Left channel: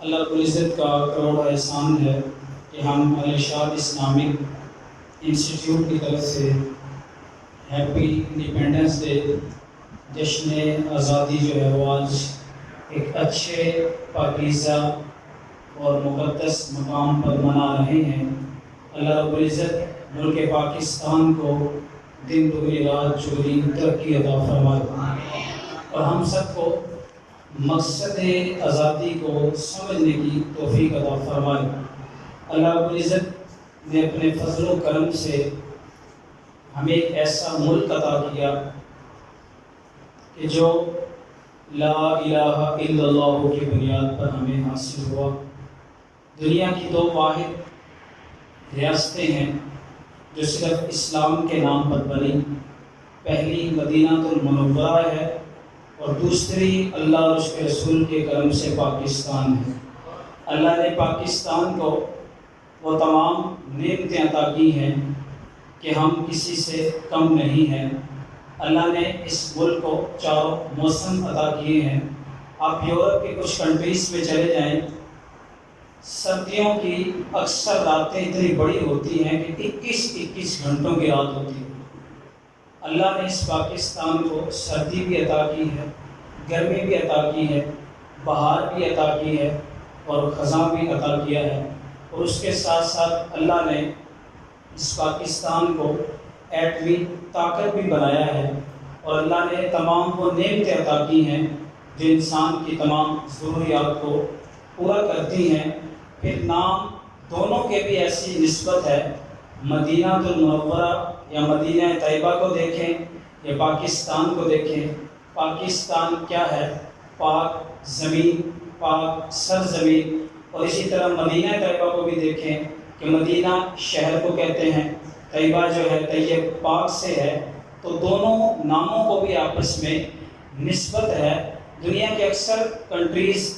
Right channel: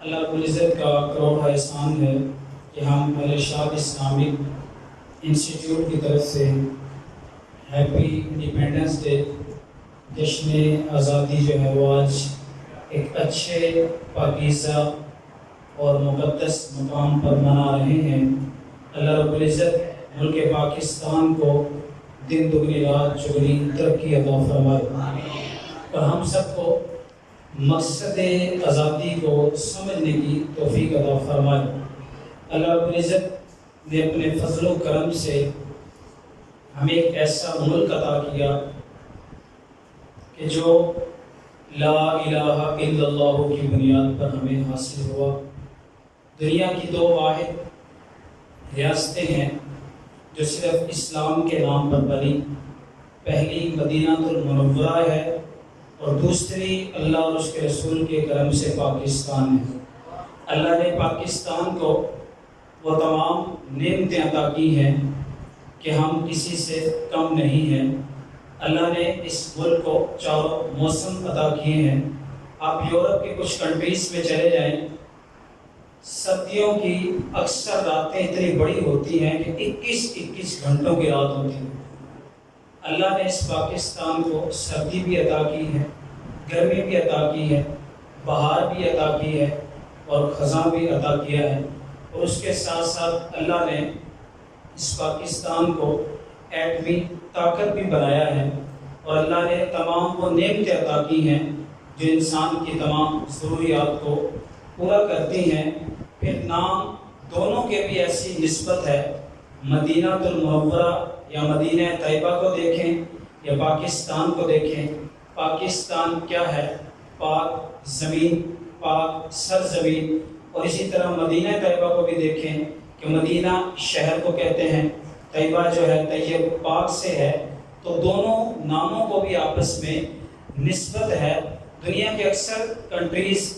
اللہ رب العزت کا کروڑ احسان ہے کہ ہم الارشاد اسلامک انسٹیٹیوٹ کی طرف سے ہیپی انڈیپینڈنس ڈے جشن آزادی جو ہے وہ آج ایک اچھے پاکیزہ اور مقدس مقام پر منا رہے ہیں۔ اللہ رب العزت ملک پاکستان کو دن دگنی رات چگنی ترقی عطا فرمائے اور ہم سب کو مقصد آزادی کو سمجھنے کی توفیق عطا فرمائے۔ اللہ رب العزت نے اپنے فضل و کرم سے ہمیں ایک ایسا ملک عطا کیا کہ جو لا الہ الا اللہ کی بنیاد پر ہمیں حاصل ہوا۔ دنیا کی دو واحد ریاستیں ہیں جو صرف اسلام کے نام پر بنی، پہلی مدینہ المنورہ ہے اور دوسری اللہ اور اس کے رسول کے کرم سے پاکستان ہے۔ اللہ نے پاکستان کو وہ تمام نعمتیں عطا کی ہیں کہ ہم کسی سے کم نہیں ہیں۔ اللہ نے اس ملک کو چاروں موسم عطا کیے ہیں۔ آپ یورپ کے کچھ کنٹریز میں چلے جائیں، سردیوں کی اکثر راتیں اتنی بڑی ہوتی ہیں کہ 21 گھنٹوں کی رات ہوتی ہے۔ اللہ نے اس پاکستان کو سردی بھی عطا کی ہے، گرمی بھی عطا کی ہے، بہار بھی عطا کی ہے اور خزاں بھی عطا کیا ہے، اور اس کے ساتھ ساتھ اللہ نے اس پاکستان کو ایٹمی طاقت بھی بنایا ہے، اور اللہ نے تمام وہ نعمتیں عطا کی ہیں جو انسان کی تمام ضروریات کو پورا کرتی ہیں۔ پھر نام دونوں کے بھی ایسی نسبت ہے، مدینہ المنورہ یا مدینہ طیبہ کو دیکھیں یا پاکستان کو دیکھیں۔ پاکستان کیا ہے؟ پاک زمین، پاک سرزمین، اور اسی طرح مدینہ طیبہ کو بھی دیکھیں کہ مدینہ شہر کو کہتے ہیں، طیبہ جو ہے طیب پاک سے ہے، تو دونوں ناموں کو بھی آپس میں نسبت ہے۔ دنیا کے اکثر کنٹریز،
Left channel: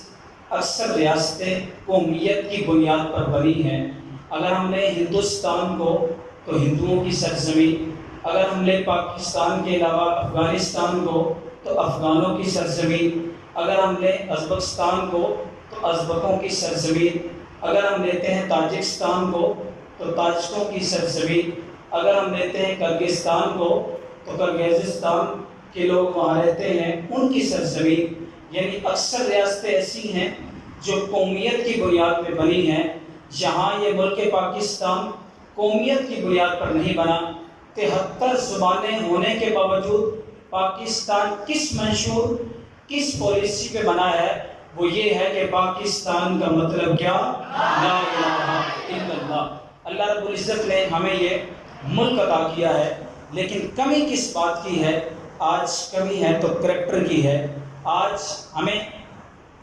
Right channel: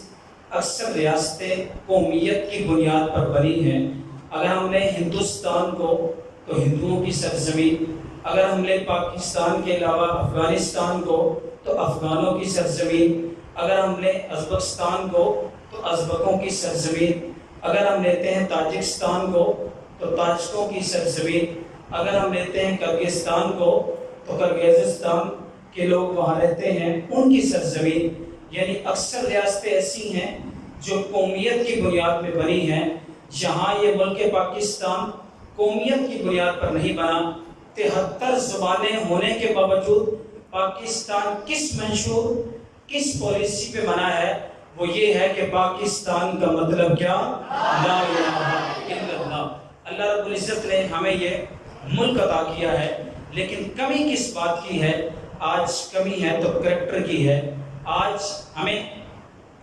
اکثر ریاستیں قومیت کی بنیاد پر بنی ہیں۔ اگر ہم لیں ہندوستان کو تو ہندوؤں کی سرزمین، اگر ہم لیں پاکستان کے علاوہ افغانستان کو تو افغانوں کی سرزمین، اگر ہم لیں ازبکستان کو تو ازبکوں کی سرزمین، اگر ہم لیتے ہیں تاجکستان کو تو تاجکوں کی سرزمین، اگر ہم لیتے ہیں کرغزستان کو تو کرغزستان کے لوگ وہاں رہتے ہیں، ان کی سرزمین۔ یعنی اکثر ریاستیں ایسی ہیں جو قومیت کی بنیاد پہ بنی ہیں۔ یہاں یہ ملک پاکستان قومیت کی بنیاد پر نہیں بنا، 73 زبانیں ہونے کے باوجود پاکستان کس منشور، کس پالیسی پہ بنا ہے؟ وہ یہ ہے کہ پاکستان کا مطلب کیا؟ لا الہ الا اللہ۔ اللہ رب العزت نے ہمیں یہ ملک عطا کیا ہے، لیکن کمی کس بات کی ہے؟ آج کمی ہے تو کریکٹر کی ہے۔ آج ہمیں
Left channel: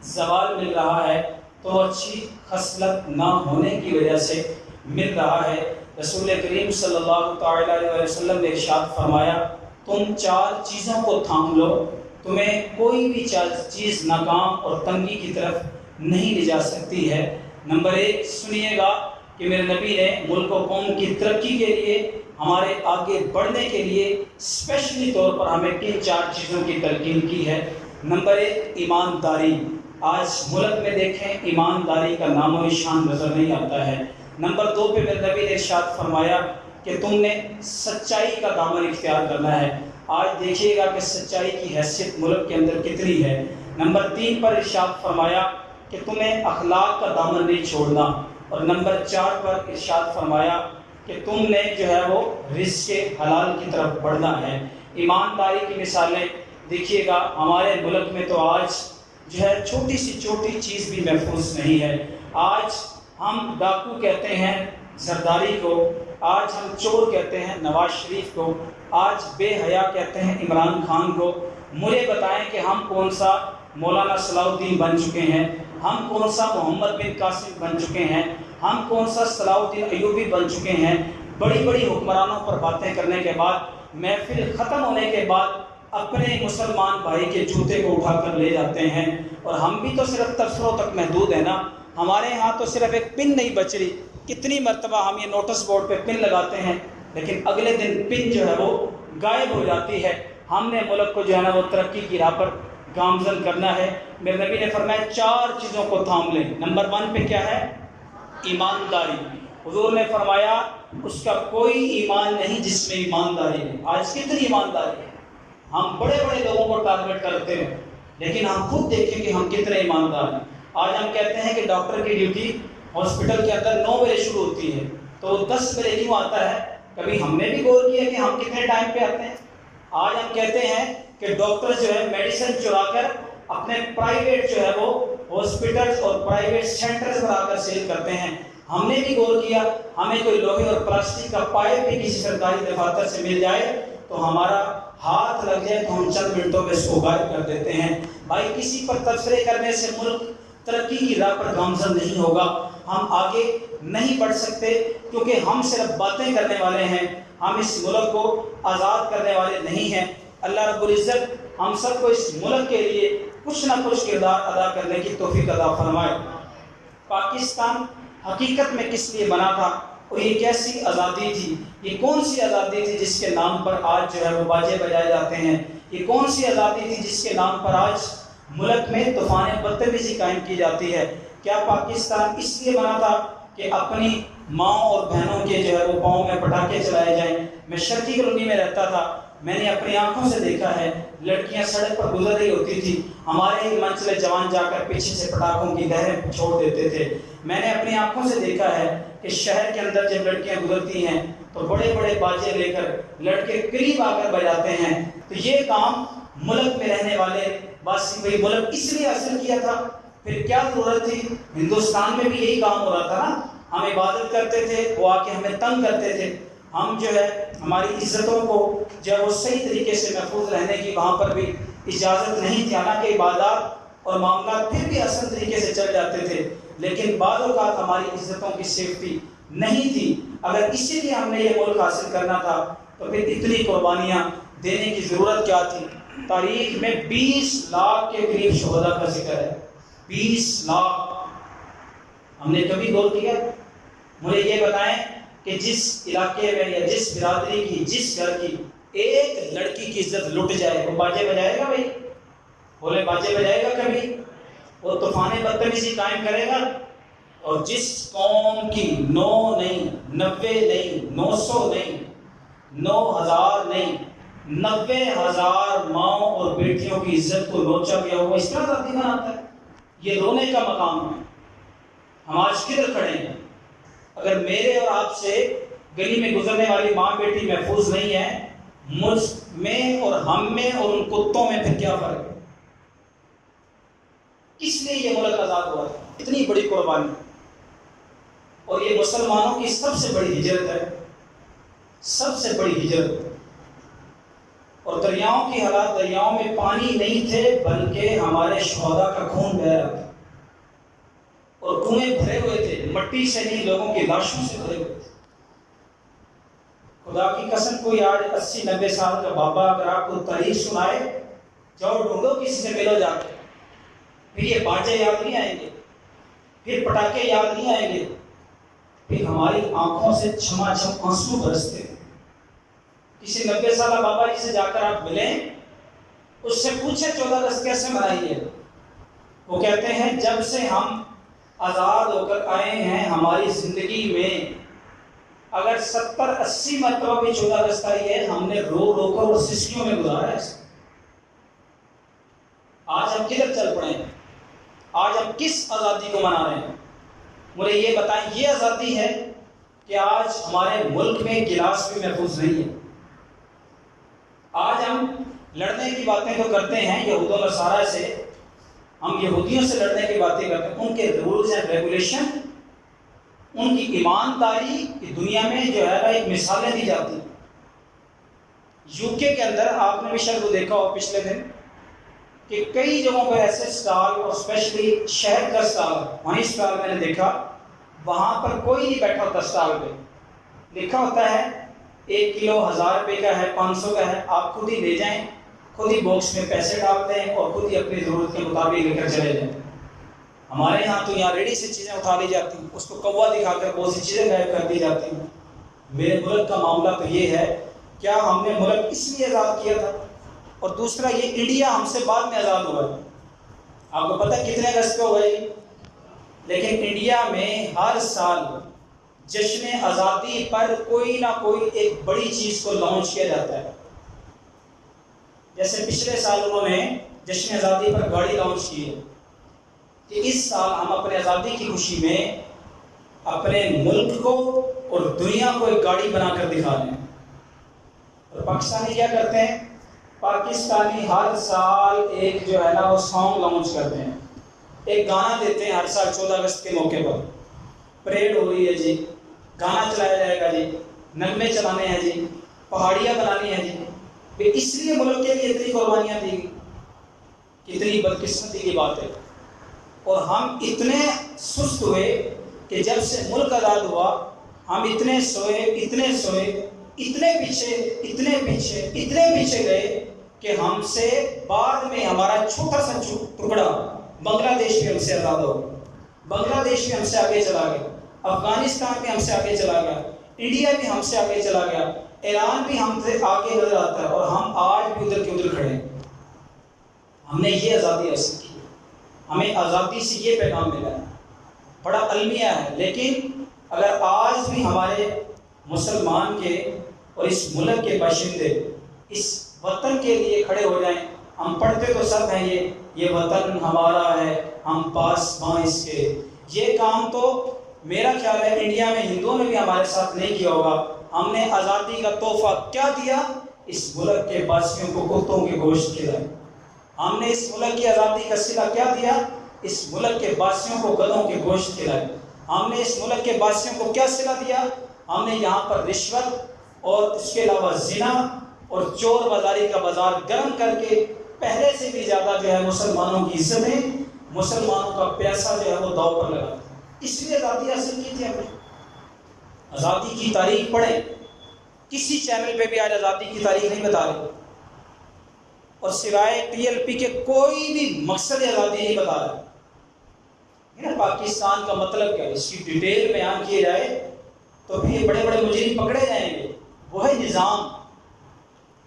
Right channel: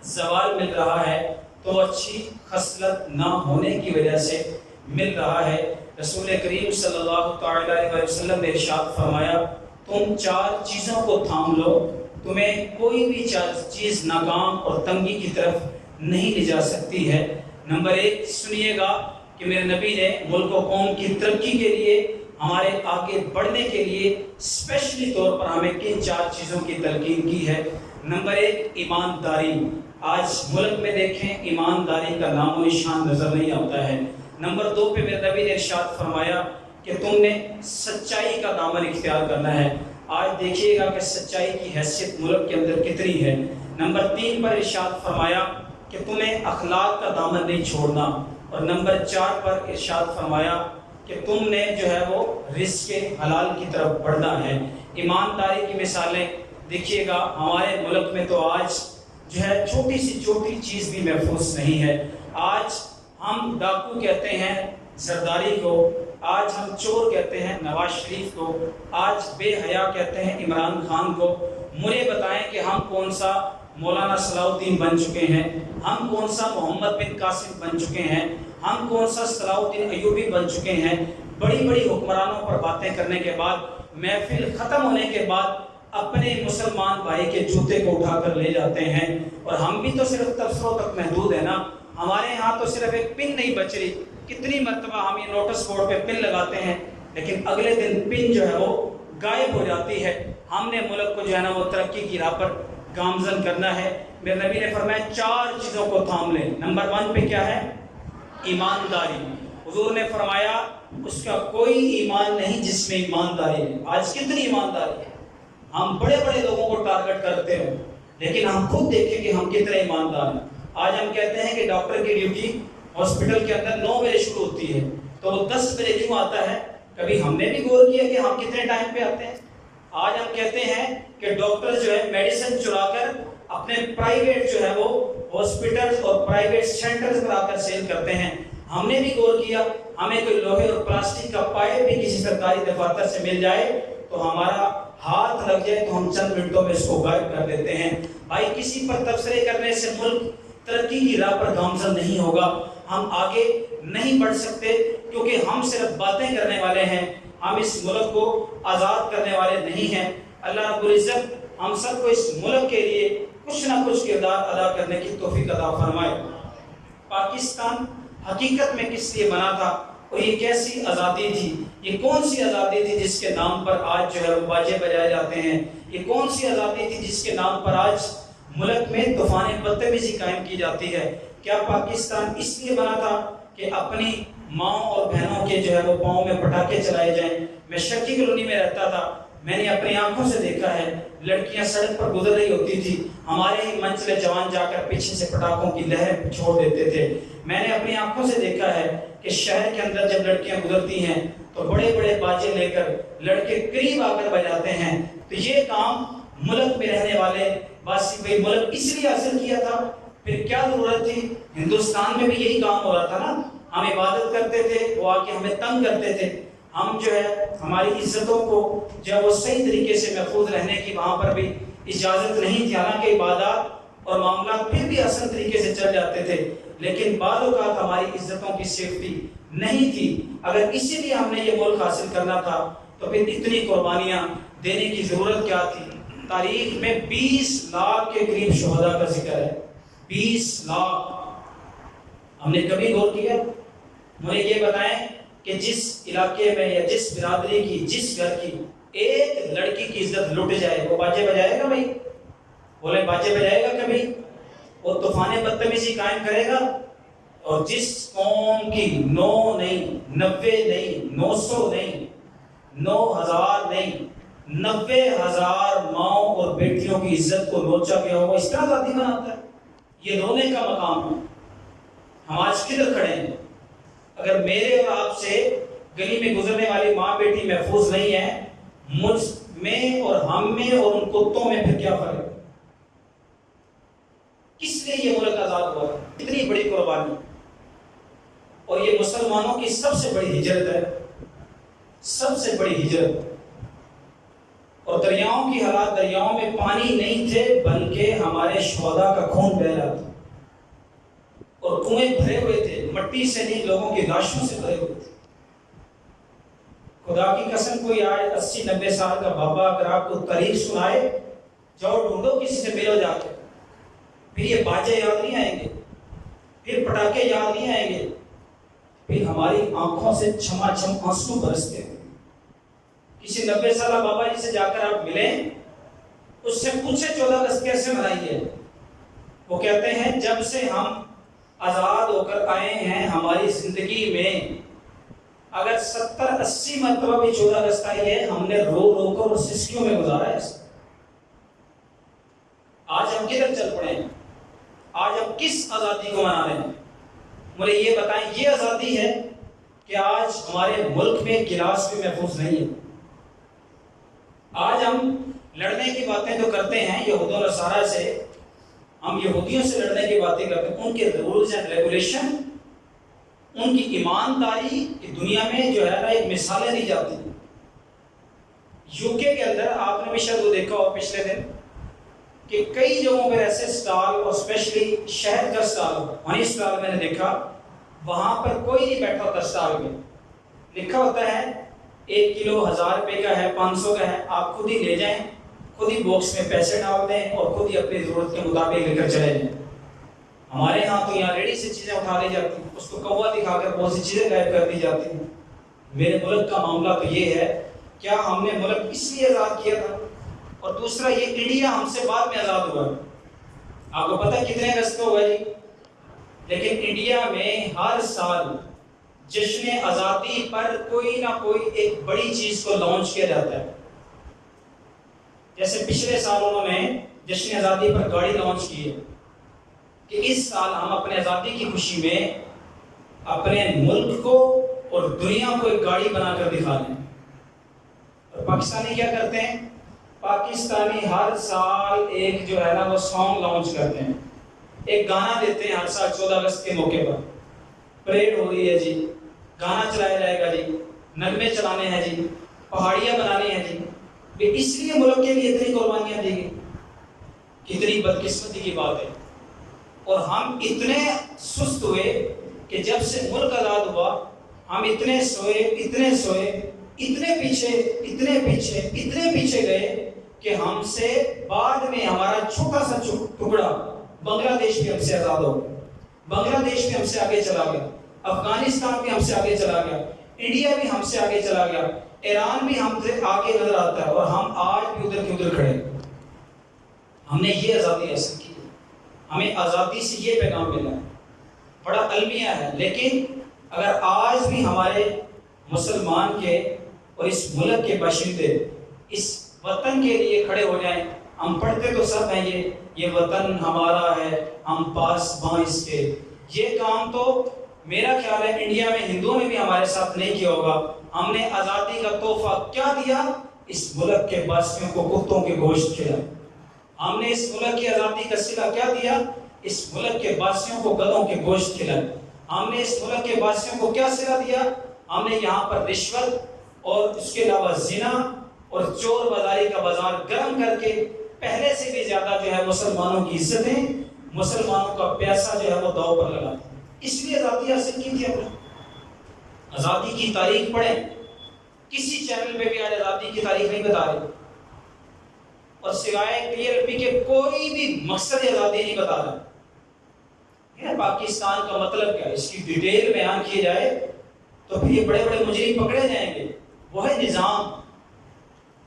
زوال مل رہا ہے تو اچھی خصلت نہ ہونے کی وجہ سے مل رہا ہے۔ رسول کریم صلی اللہ تعالی علیہ وسلم نے ارشاد فرمایا، تم 4 چیزوں کو تھام لو، تمہیں کوئی بھی چیز ناکام اور تنگی کی طرف نہیں لے جا سکتی ہے۔ نمبر 1 سنیے گا کہ میرے نبی نے ملک و قوم کی ترقی کے لیے، ہمارے آگے بڑھنے کے لیے اسپیشلی طور پر ہمیں کن 4 چیزوں کی تلقین کی ہے۔ نمبر 1 ایمانداری۔ آج ملک میں دیکھیں ایمانداری کا نام و نشان نظر نہیں آتا ہے۔ نمبر 2 پہ میرے نبی نے ارشاد فرمایا کہ تم نے سچائی کا دامن اختیار کرنا ہے۔ آج دیکھیے گا کہ سچائی کی حیثیت ملک کے اندر کتنی ہے۔ نمبر 3 پر ارشاد فرمایا کہ تمہیں اخلاق کا دامن نہیں چھوڑنا، اور نمبر 4 پر ارشاد فرمایا کہ تم نے جو ہے وہ رزق حلال کی طرف بڑھنا ہے۔ ایمانداری کی مثالیں دیکھیے گا، ہمارے ملک میں تو آج جو ہے چھوٹی سی چھوٹی چیز بھی محفوظ نہیں ہے۔ آج ہم ڈاکو کہتے ہیں زرداری کو، آج ہم چور کہتے ہیں نواز شریف کو، آج بے حیا کہتے ہیں عمران خان کو۔ مجھے بتائیں کہ ہم کون سا مولانا صلاح الدین بن چکے ہیں، ہم کون سا محمد بن قاسم بن چکے ہیں، ہم کون سا صلاح الدین ایوبی بن چکے ہیں؟ بڑی بڑی حکمرانوں پر باتیں کرنے کے بعد، محفل ختم ہونے کے بعد اپنے مسلمان بھائی کے جوتے کو اٹھا کر لے جاتے ہیں، اور ہم بھی تو صرف تبصروں تک محدود ہیں نا۔ ہمارے ہاں تو صرف ایک پن نہیں بچ رہی، کتنی مرتبہ ہم یہ نوٹس بورڈ پہ پن لگاتے ہیں لیکن اگلے دن پن جو ہے وہ غائب ہو جاتی ہے۔ ہم نے ملک کو جو ہے نا وہ ترقی کی راہ پر گامزن کرنا ہے۔ میرے نبی نے فرمایا 4 چیزوں کو تھام لیں. نمبر 1 پہ کیا ہے؟ ایمانداری. حضور نے فرمایا اس کا کوئی ایمان نہیں جس میں ایمانداری ہے. آج کتنی ایمانداری ہے؟ ہم بڑے بڑے لوگوں کو ٹارگٹ کرتے ہیں، لیکن ہم خود دیکھیں کہ ہم کتنے ایماندار ہیں. آج ہم کہتے ہیں کہ ڈاکٹر کی ڈیوٹی ہاسپٹل کے اندر 9 بجے شروع ہوتی ہے تو وہ 10 بجے کیوں آتا ہے؟ کبھی ہم نے بھی غور کیا کہ ہم کتنے ٹائم پہ آتے ہیں؟ آج ہم کہتے ہیں کہ ڈاکٹر جو ہے میڈیسن چلا کر اپنے پرائیویٹ جو ہے وہ ہاسپٹل اور پرائیویٹ سینٹر بنا کر سیل کرتے ہیں. ہم نے بھی غور کیا ہمیں کوئی لوہے اور پلاسٹک کا پائپ بھی کسی سرکاری دفاتر سے مل جائے تو ہمارا ہاتھ لگ جائے تو ہم چند منٹوں میں اس کو غائب کر دیتے ہیں. بھائی کسی پر تبصرے کرنے سے ملک ترقی کی راہ پر گامزن نہیں ہوگا. ہم آگے نہیں بڑھ سکتے کیونکہ ہم صرف باتیں کرنے والے ہیں، ہم اس ملک کو آزاد کرنے والے نہیں ہیں. اللہ رب العزت ہم سب کو اس ملک کے لیے کچھ نہ کچھ کردار ادا کرنے کی توفیق عطا فرمائے. پاکستان حقیقت میں کس لیے بنا تھا اور یہ کیسی آزادی تھی؟ یہ کون سی آزادی تھی جس کے نام پر آج جو ہے وہ باجے بجائے جاتے ہیں؟ یہ کون سی آزادی تھی جس کے نام پر آج ملک میں طوفان بدتمیزی قائم کی جاتی ہے؟ کیا پاکستان اس لیے بنا تھا کہ اپنی ماؤں اور بہنوں کے جو ہے وہ پاؤں میں پٹاخے چلائے جائیں؟ میں شکی کالونی میں رہتا تھا، میں نے اپنی آنکھوں سے دیکھا ہے لڑکیاں سڑک پر گزر رہی ہوتی تھی، ہمارے ہی منچلے جوان جا کر پیچھے سے پٹاخوں کی لہر چھوڑ دیتے تھے. میں نے اپنی آنکھوں سے دیکھا ہے کہ شہر کے اندر جب لڑکیاں گزرتی ہیں تو بڑے بڑے باجے لے کر لڑکے قریب آ کر بجاتے ہیں. تو یہ کام ملک میں رہنے والے باسی کوئی ملک اس لیے حاصل کیا تھا، پھر کیا ضرورت تھی؟ ہندوستان میں بھی یہی کام ہو رہا تھا نا. ہم عبادت کرتے تھے، وہ آ کے ہمیں تنگ کرتے تھے. ہم جو ہے ہماری عزتوں کو جو ہے وہ صحیح طریقے سے محفوظ رہنے کی وہاں پر بھی اجازت نہیں تھی. حالانکہ عبادات اور معاملات پھر بھی اصل طریقے سے چل جاتے تھے، لیکن بعض اوقات ہماری عزتوں کی سیفٹی نہیں تھی. اگر اسی لیے ہم نے یہ ملک حاصل کرنا تھا تو پھر اتنی قربانیاں دینے کی ضرورت کیا تھی؟ تاریخ میں 20 لاکھ کے قریب شہداء کا ذکر ہے. 20 لاکھ. ہم نے کبھی غور کیا؟ مجھے یہ بتائیں کہ جس علاقے میں یا جس برادری کی جس گھر کی ایک لڑکی کی عزت لٹ جائے وہ باجے بجائے گا؟ بھائی بولے باجے بجائے گا کبھی؟ وہ طوفان بدتمیزی قائم کرے گا؟ اور جس قوم کی 9 نہیں 90 نہیں 900 نہیں 9000 نہیں 90,000 ماؤں اور بیٹیوں کی عزت کو لوچا گیا ہو، اس طرح آزادی بناتا ہے؟ یہ رونے کا مقام ہے. ہم آج کدھر کھڑے ہیں؟ اگر میرے اور آپ سے گلی میں گزرنے والی ماں بیٹی محفوظ نہیں ہے، مجھ میں اور ہم میں اور ان کتوں میں پھر کیا فرق ہے؟ کس لیے یہ ملک آزاد ہوا تھا؟ اتنی بڑی قربانی. اور یہ مسلمانوں کی سب سے بڑی ہجرت ہے، سب سے بڑی ہجرت. اور دریاؤں کی حالات، دریاؤں میں پانی نہیں تھے بلکہ ہمارے شہداء کا خون بہہ رہا تھا، اور کنویں بھرے ہوئے تھے مٹی سے نہیں، لوگوں کی لاشوں سے بھرے ہوئے تھے. خدا کی قسم کوئی آج 80-90 سال کا بابا اگر آپ کو تاریخ سنائے، جاؤ ڈھونڈو کسی سے ملو جا کے، پھر یہ باجے یاد نہیں آئیں گے، پھر پٹاخے یاد نہیں آئیں گے، پھر ہماری آنکھوں سے چھما چھم آنسو برستے ہیں. کسی 90 سالہ بابا جی سے جا کر آپ ملیں، اس سے پوچھیں 14 اگست کیسے منائی ہے؟ وہ کہتے ہیں جب سے ہم آزاد ہو کر آئے ہیں ہماری زندگی میں اگر 70-80 مرتبہ بھی 14 اگست آئی ہے، ہم نے رو رو کر اور سسکیوں میں گزارا ہے. آج ہم کدھر چل پڑے ہیں؟ آج ہم کس آزادی کو منا رہے ہیں؟ مجھے یہ بتائیں، یہ آزادی ہے کہ آج ہمارے ملک میں گلاس بھی محفوظ نہیں ہے. آج ہم لڑنے کی باتیں تو کرتے ہیں یہود و نصارہ سے، ہم یہودیوں سے لڑنے کی باتیں کرتے ہیں، ان کے رولز اینڈ ریگولیشن، ان کی ایمانداری کی دنیا میں جو ہے نا ایک مثالیں دی جاتی ہیں. یو کے اندر آپ نے بھی شاید دیکھا ہو پچھلے دن کہ کئی جگہوں پر ایسے سٹال، اور اسپیشلی شہد کا سٹال، ہنی سٹال میں نے دیکھا، وہاں پر کوئی نہیں بیٹھا ہوتا سٹال پہ، لکھا ہوتا ہے 1 کلو 1000 روپے کا ہے، 500 کا ہے، آپ خود ہی لے جائیں، خود ہی باکس میں پیسے ڈال دیں اور خود ہی اپنی ضرورت کے مطابق لے کر چلے جائیں. ہمارے ہاں تو یہاں ریڈی سے چیزیں اٹھا لی جاتی ہیں، اس کو کوا دکھا کر بہت سی چیزیں غائب کر دی جاتی ہیں. میرے ملک کا معاملہ تو یہ ہے، کیا ہم نے ملک اس لیے آزاد کیا تھا؟ اور دوسرا یہ انڈیا ہم سے بعد میں آزاد ہوا ہے. آپ کو پتہ کتنے اگست کو ہوگا جی؟ لیکن انڈیا میں ہر سال جشن آزادی پر کوئی نہ کوئی ایک بڑی چیز کو لانچ کیا جاتا ہے. جیسے پچھلے سال انہوں نے جشن آزادی پر گاڑی لانچ کی ہے کہ اس سال ہم اپنے آزادی کی خوشی میں اپنے ملک کو اور دنیا کو ایک گاڑی بنا کر دکھا دیں. اور پاکستانی کیا کرتے ہیں؟ پاکستانی ہر سال ایک جو ہے نا وہ سانگ لانچ کرتے ہیں, ایک گانا دیتے ہیں ہر سال 14 اگست کے موقع پر. پریڈ ہو رہی ہے جی, گانا چلایا جائے گا جی, نغمے چلانے ہیں جی, پہاڑیاں بنانی ہیں جی. اس لیے ملک کے لیے اتنی قربانیاں دی گئی. کتنی بدقسمتی کی بات ہے. اور ہم اتنے سست ہوئے کہ جب سے ملک آزاد ہوا ہم اتنے سوئے, اتنے پیچھے گئے کہ ہم سے بعد میں ہمارا چھوٹا سا ٹکڑا بنگلہ دیش بھی ہم سے آزاد ہو گیا, بنگلہ دیش بھی ہم سے آگے چلا گیا, افغانستان بھی ہم سے آگے چلا گیا, انڈیا بھی ہم سے آگے چلا گیا, ایران بھی ہم سے آگے نظر آتا ہے, اور ہم آج بھی ادھر کے ادھر کھڑے ہیں. ہم نے یہ آزادی حاصل کی, ہمیں آزادی سے یہ پیغام ملا ہے, بڑا المیہ ہے. لیکن اگر آج بھی ہمارے مسلمان کے اور اس ملک کے باشندے اس وطن کے لیے کھڑے ہو جائیں, ہم پڑھتے تو سب ہیں یہ وطن ہمارا ہے, ہم پاسباں اس کے. یہ کام تو میرا خیال ہے انڈیا میں ہندوؤں نے بھی ہمارے ساتھ نہیں کیا ہوگا. ہم نے آزادی کا تحفہ کیا دیا؟ اس ملک کے باشندوں کو کتوں کے گوشت کھلایا. ہم نے اس ملک کی آزادی کا صلہ کیا دیا؟ اس ملک کے باشندوں کو گدھوں کے گوشت کھلایا. ہم نے اس ملک کے باشندوں کو کیا صلہ دیا؟ ہم نے یہاں پر رشوت اور اس کے علاوہ زنا اور چور بازاری کا بازار گرم کر کے پہلے سے بھی زیادہ جو ہے مسلمانوں کی عزتیں, مسلمانوں کا پیسہ جو ہے وہ داؤ پر لگا. اس لیے آزادی حاصل کی تھی. ہم نے آزادی کی تاریخ پڑھیں, کسی چینل پہ بھی آج آزادی کی تاریخ نہیں بتا رہے, اور سوائے TLP کے کوئی بھی مقصد آزادی نہیں بتا رہا. پاکستان کا مطلب کیا ہے, اس کی ڈیٹیل بیان کی جائے تو پھر یہ بڑے بڑے مجرم پکڑے جائیں گے. وہ ہے نظام,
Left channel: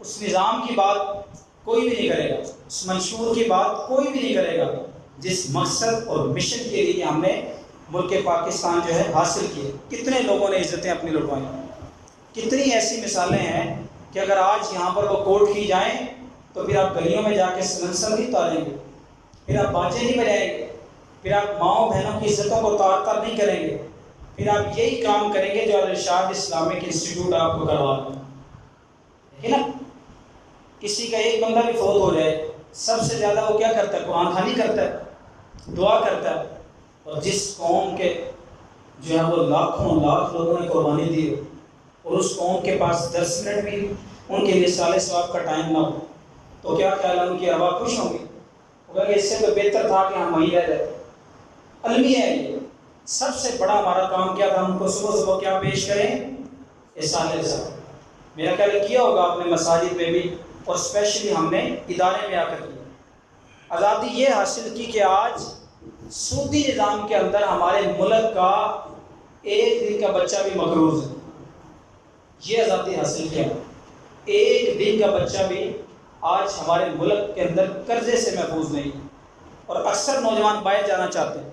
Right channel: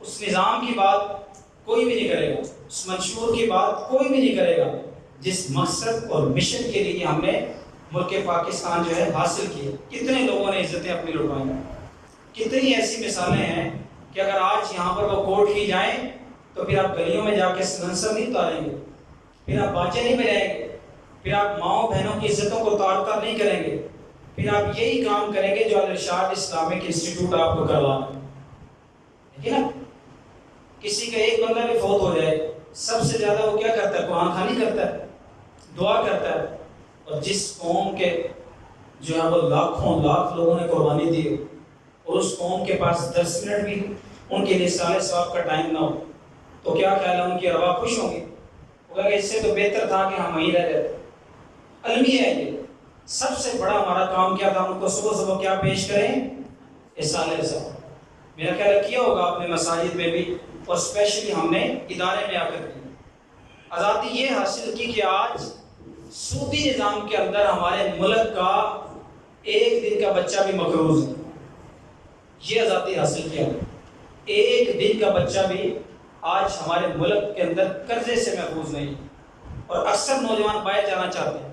اس نظام کی بات کوئی بھی نہیں کرے گا, اس منشور کی بات کوئی بھی نہیں کرے گا جس مقصد اور مشن کے لیے ہم نے ملک پاکستان جو ہے حاصل کیے. کتنے لوگوں نے عزتیں اپنی لٹوائیں, کتنی ایسی مثالیں ہیں کہ اگر آج یہاں پر وہ کوٹ کی جائیں تو پھر آپ گلیوں میں جا کے سلنسر نہیں اتاریں گے, پھر آپ باجے نہیں بجائیں گے, پھر آپ ماؤں بہنوں کی عزتوں کو تار تار نہیں کریں گے, پھر آپ یہی کام کریں گے جو الارشاد اسلامک انسٹیٹیوٹ آپ کو کروا ہے. دیکھیں نا, کسی کا ایک بندہ بھی فوت ہو جائے سب سے زیادہ وہ کیا کرتا ہے؟ قرآن خوانی کرتا ہے, دعا کرتا ہے. اور جس قوم کے جو ہے وہ لاکھوں لاکھ لوگوں نے قربانی دی ہے اور اس قوم کے پاس 10 منٹ بھی ان کے لیے سال ثواب کا ٹائم نہ ہو, تو کیا خیال ہے ان کی ارواح خوش ہوں گی؟ وہ کہیں گے اس سے تو بہتر تھا کہ ہم وہیں رہ جاتے. المیہ ہے یہ. سب سے بڑا ہمارا کام کیا تھا؟ ہم کو صبح صبح کیا پیش کریں؟ سال ثواب. میرا خیال کیا ہوگا آپ نے مساجد میں بھی, اور اسپیشلی ہم نے ادارے میں آ کر کی. آزادی یہ حاصل کی کہ آج سودی نظام کے اندر ہمارے ملک کا ایک دن کا بچہ بھی مقروض ہے. یہ آزادی حاصل کیا, ایک دن کا بچہ بھی آج ہمارے ملک کے اندر قرضے سے محفوظ نہیں. اور اکثر نوجوان باہر جانا چاہتے ہیں.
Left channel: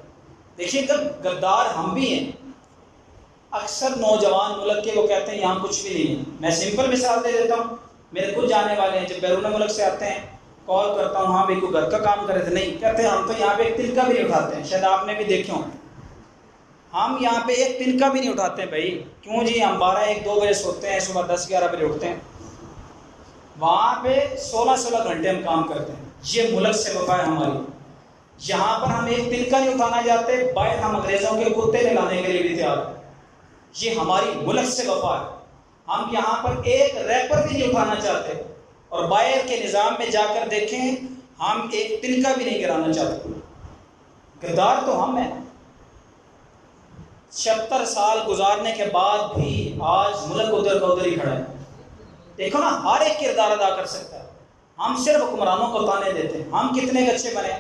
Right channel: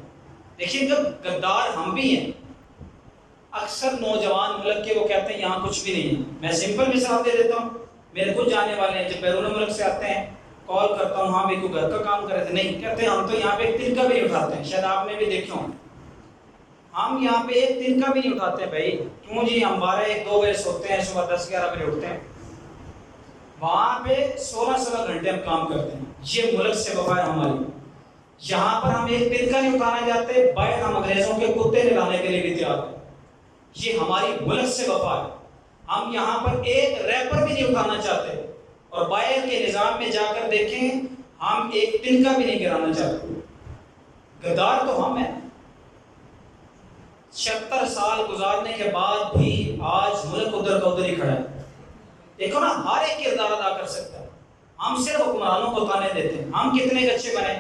دیکھیے غدار ہم بھی ہیں. اکثر نوجوان ملک کے وہ کہتے ہیں یہاں کچھ بھی نہیں ہے. میں سمپل مثال دے دیتا ہوں, میرے کچھ جانے والے ہیں جب بیرون ملک سے آتے ہیں, کال کرتا ہوں, ہاں بھائی کوئی گھر کا کام کرے تھے, نہیں کہتے ہم تو یہاں پہ ایک تنکا بھی نہیں اٹھاتے ہیں. شاید آپ نے بھی دیکھے ہوں, ہم یہاں پہ ایک تنکا بھی نہیں اٹھاتے ہیں. بھائی کیوں جی؟ ہم 12-1-2 بجے سوتے ہیں, صبح 10-11 بجے اٹھتے ہیں, وہاں پہ 16 گھنٹے ہم کام کرتے ہیں. یہ ملک سے وفا ہے ہماری. یہاں پر ہم ایک تنکا نہیں اٹھانا چاہتے, باہر ہم انگریزوں کے کتے نہلانے کے لیے بھی تیار ہیں. یہ ہماری ملک سے وفا ہے. ہم یہاں پر ایک ریپر بھی نہیں اٹھانا چاہتے, اور باہر کے نظام میں جا کر دیکھیں ہم ایک تنکا بھی نہیں گرانا چاہتے. غدار تو ہم ہیں. 76 سال گزارنے کے بعد بھی آج ملک ادھر کا ادھر ہی کھڑا ہے. دیکھو نا, ہر ایک کردار ادا کر سکتا ہے. ہم صرف حکمرانوں کو تانے دیتے ہیں. ہم کتنے اچھے بنے,